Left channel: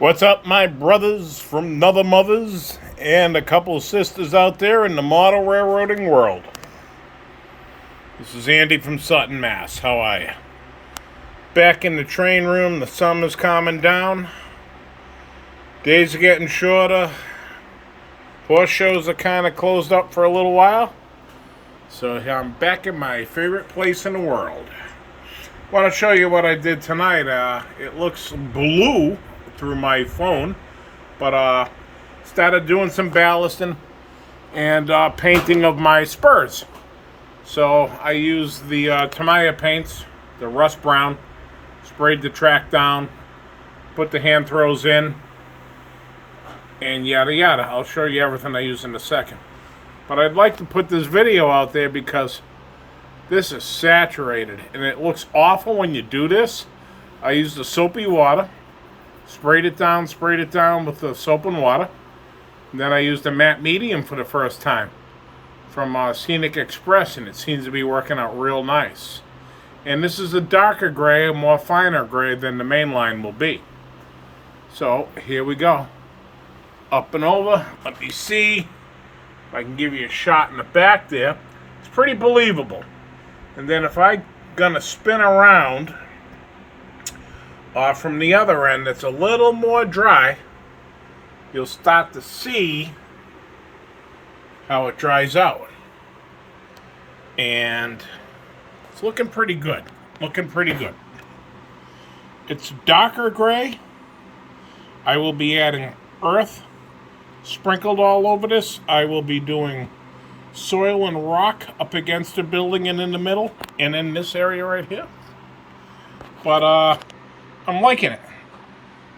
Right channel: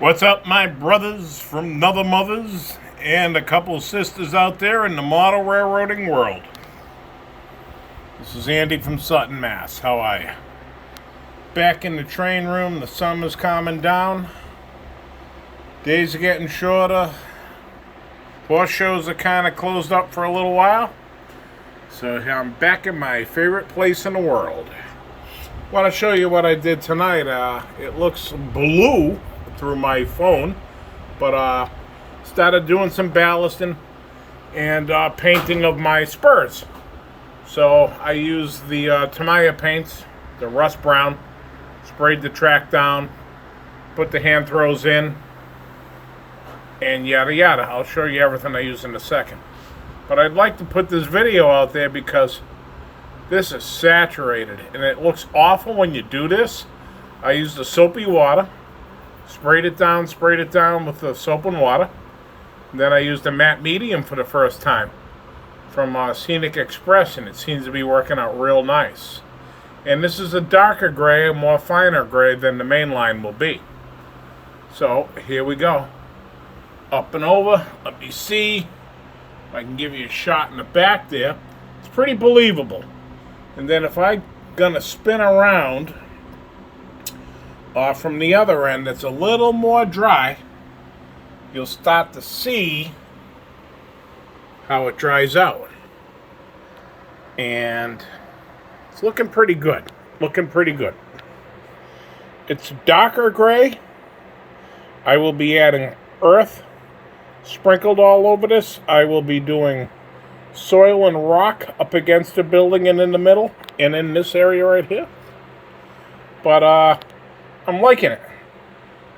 What's up, my brothers from other mothers and a couple of sisters out there in the model railroading world? This is Andy from Sutton, Mass. How are you? Back in the train room, the summer's calming down. Days are getting shorter. Horse shows are kind of closed up for a little while. So I'm back in my favorite place in the world. I want to show you what I did tonight. It looks blue through my phone, but started doing some ballasting and painting of my spurs. So I used the Tamiya paints, the rust brown, sprayed the track down, put the hand throws in, and yada yada. I'll show you everything I use in a second. But I'd like to put this video out there because this is saturated and it looks awful when you do this. I used the soapy water, sprayed it down with the soap and water. And then I used a matte medium for the first time from Scenic Express, and it seems to be working out real nice. And this is a darker gray, a more finer gray than the main line will be. So here we go. Up and over. Let me see if I can give you a shot in the back there. It's pretty believable. And then if I'm gonna spin around from the other end that's a little more dry, you'll start to see how it dries out. And it's looking pretty good. It's darker gray. I will be adding earth sprinkled all over this. I will be doing soil and rock up against the building and in the middle and in this area right here. But I'm liking it.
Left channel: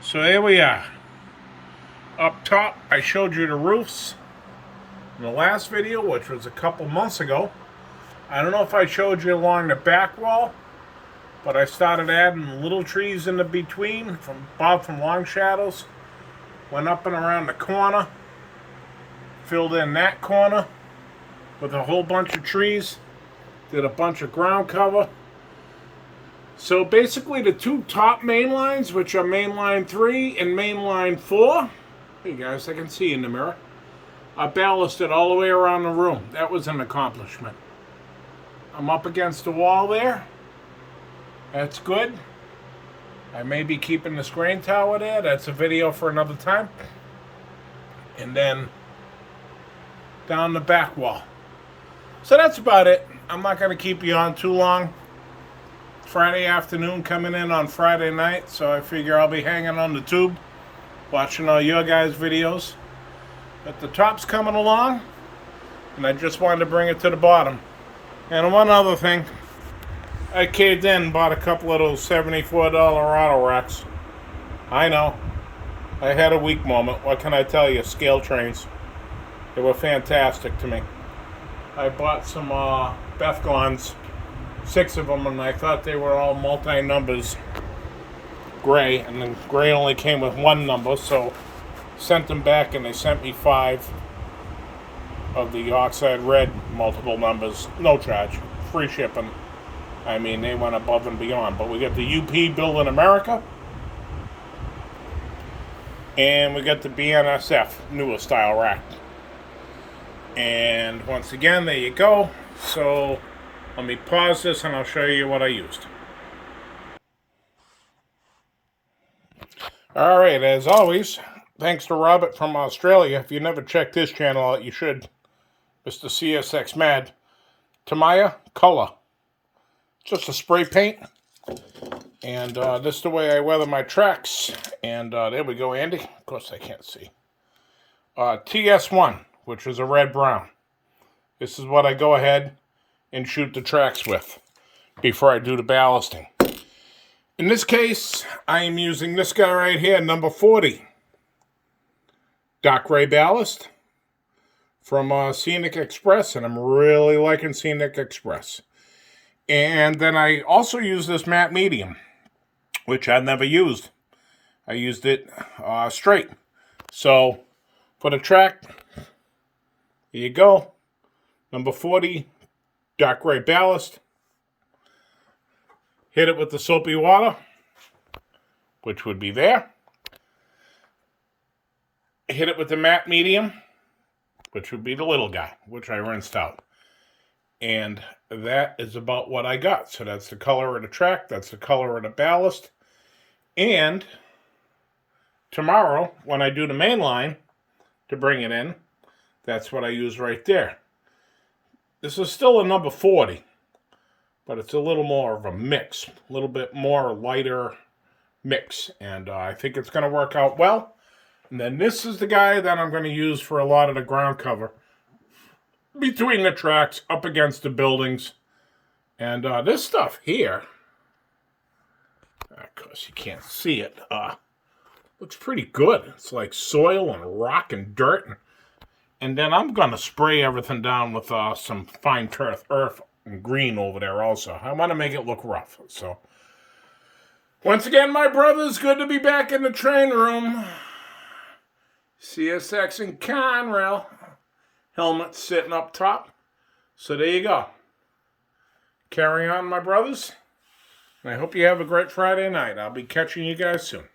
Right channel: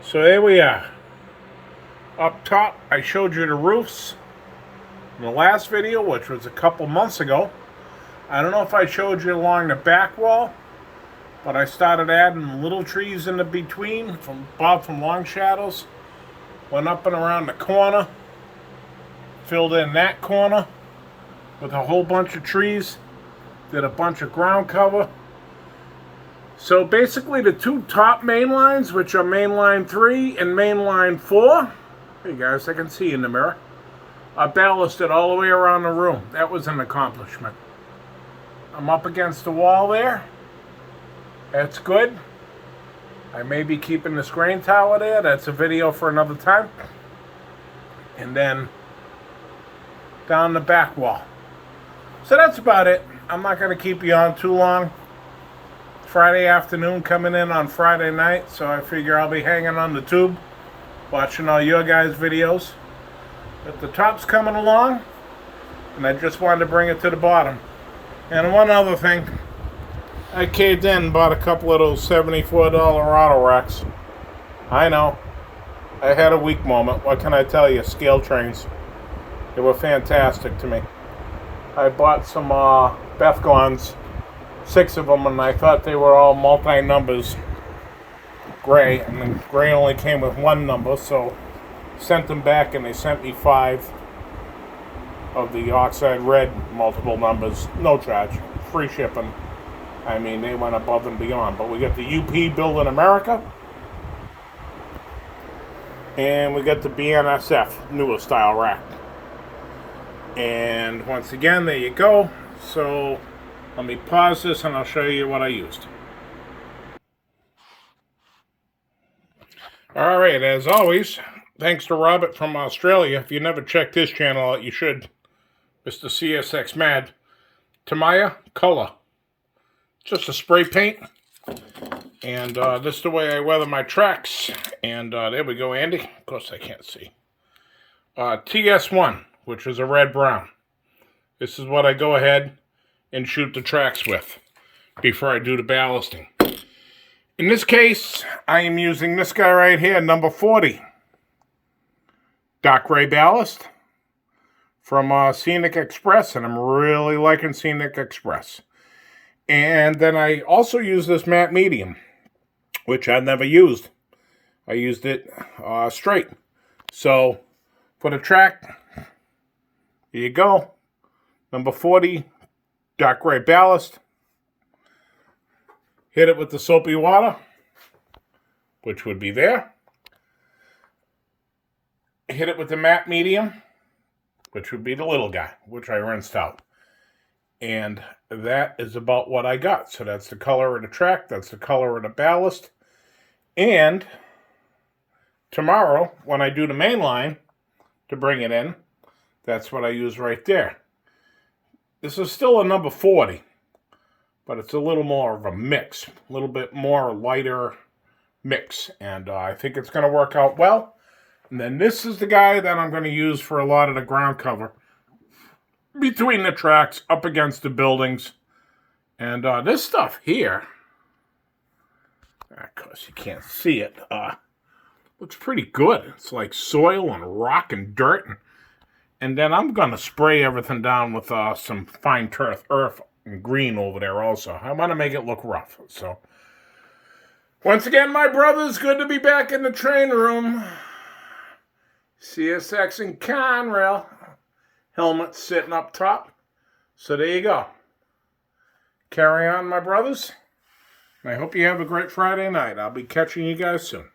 So here we are. Up top, I showed you the roofs in the last video, which was a couple months ago. I don't know if I showed you along the back wall, but I started adding little trees in the between from Bob from Long Shadows. Went up and around the corner, filled in that corner with a whole bunch of trees, did a bunch of ground cover. So basically the two top main lines, which are main line 3 and main line 4, hey guys, I can see in the mirror, are ballasted all the way around the room. That was an accomplishment. I'm up against the wall there. That's good. I may be keeping the screen tower there. That's a video for another time. And then down the back wall. So that's about it. I'm not going to keep you on too long. Friday afternoon coming in on Friday night, so I figure I'll be hanging on the tube watching all your guys' videos. But the top's coming along, and I just wanted to bring it to the bottom. And one other thing, I caved in and bought a couple of those $74 auto racks. I know, I had a weak moment. What can I tell you? Scale trains. They were fantastic to me. I bought some Bethgons, 6 of them, and I thought they were all multi-numbers gray, and the gray only came with one number, so sent them back and they sent me 5 of the oxide red multiple numbers, no charge, free shipping. I mean, they went above and beyond. But we got the UP Build in America, and we got the BNSF newer style rack. And once again, there you go. So let me pause this and I'll show you what I used. Alright, as always, thanks to Robert from Australia. If you never checked his channel out, you should. Mr. CSX Mad. Tamiya Color. Just a spray paint. And this is the way I weather my tracks. And there we go, Andy. Of course I can't see. TS1, which is a red-brown. This is what I go ahead and shoot the tracks with before I do the ballasting. In this case, I am using this guy right here, number 40. Dark gray ballast from Scenic Express, and I'm really liking Scenic Express. And then I also use this matte medium, which I've never used. I used it straight. So for the track, here you go. Number 40, dark gray ballast. Hit it with the soapy water, which would be there. hit it with the matte medium, which would be the little guy, which I rinsed out. And that is about what I got. So that's the color of the track, that's the color of the ballast. And tomorrow, when I do the main line to bring it in, that's what I use right there. This is still a number 40, but it's a little more of a mix, a little bit more lighter mix, and I think it's going to work out well. And then this is the guy that I'm going to use for a lot of the ground cover between the tracks, up against the buildings. And this stuff here, of course you can't see it, looks pretty good. It's like soil and rock and dirt. And then I'm going to spray everything down with some fine earth and green over there also. I want to make it look rough. So, once again, my brothers, good to be back in the train room. CSX and Conrail. Helmet sitting up top. So there you go. Carry on, my brothers. I hope you have a great Friday night. I'll be catching you guys soon.